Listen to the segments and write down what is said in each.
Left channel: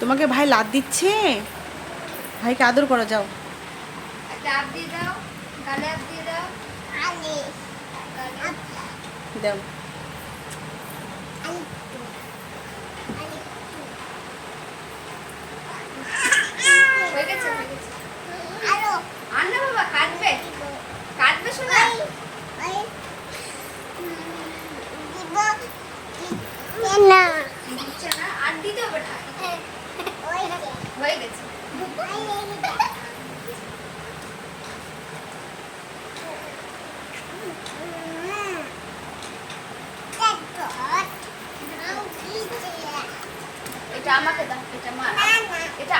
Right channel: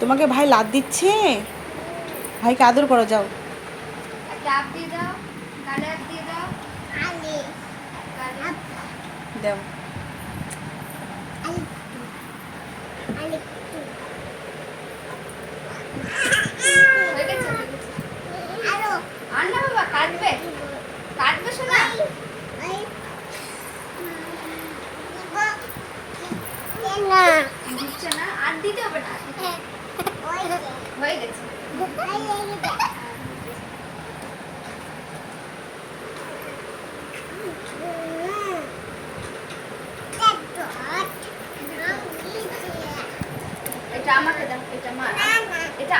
তোমাকে ভাই লাদ দিচ্ছে? ভাইকে আদর করো যাও। দাও। গালে আপ দিয়ে দাও গালে দাও হয়ে গেছে হয়ে গেছে আর না বাবা কাটবে কাটবে শোনা দিচ্ছে না আর দিতে হবে না হয়ে গেছে। এটা আমাকে দাও এটা মা। এটা।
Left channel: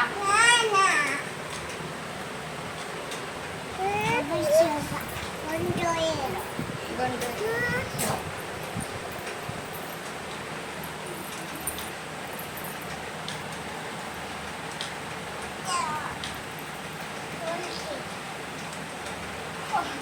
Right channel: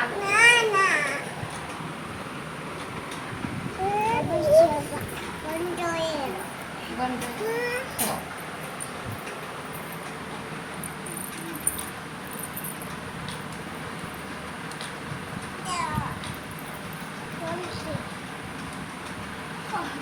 গন্ধ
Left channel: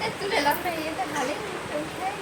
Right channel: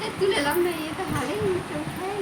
এ, তুলে এলাম না এটা ভালোই উঠাই